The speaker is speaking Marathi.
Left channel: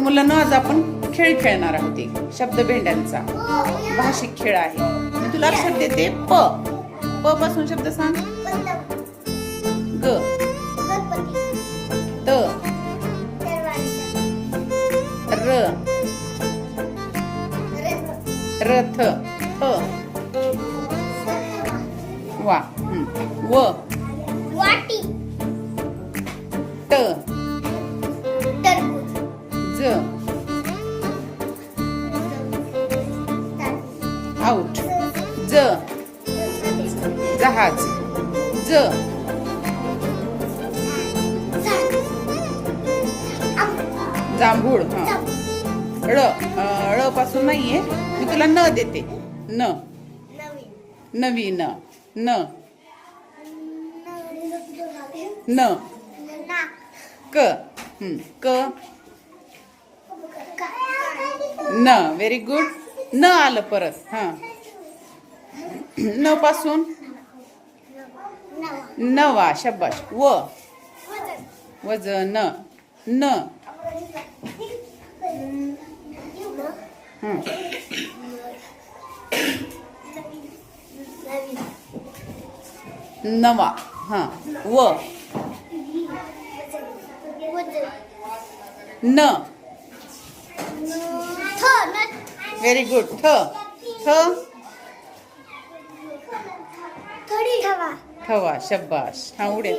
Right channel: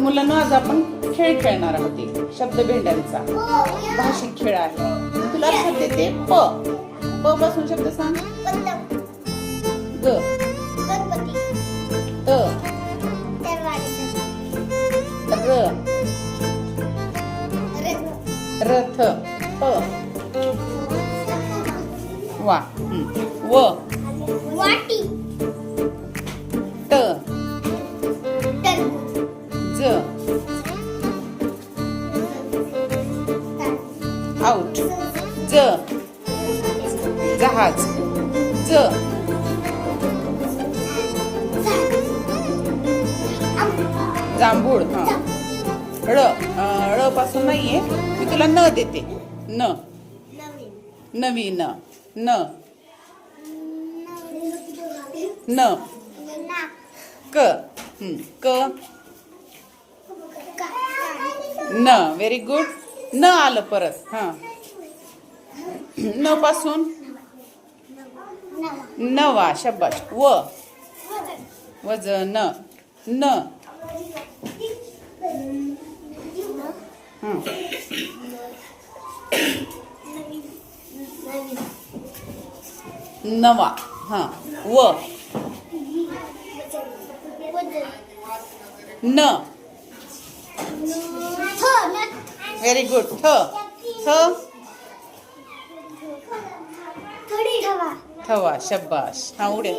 मुलांना आज आपण खेळ खेळणार आहोत. एक शब्द भेंड्यांचा भाषिक खेळ आहे. मी तुला शब्द देते. प प पासून शब्द सांग. ग त र रथ प वा व वाटी त तरबूज ज आउट ज जहाज ज जांभूळ. हा ळ पासून नाहीये. मी तुला न देते. न नवीन न न क क न. Very good. न आलं परत. हा न पासून नवा शब्बाश. व वजन न नवा. हा व न. Very good. थ थवा शब्बाश. हा उड्या.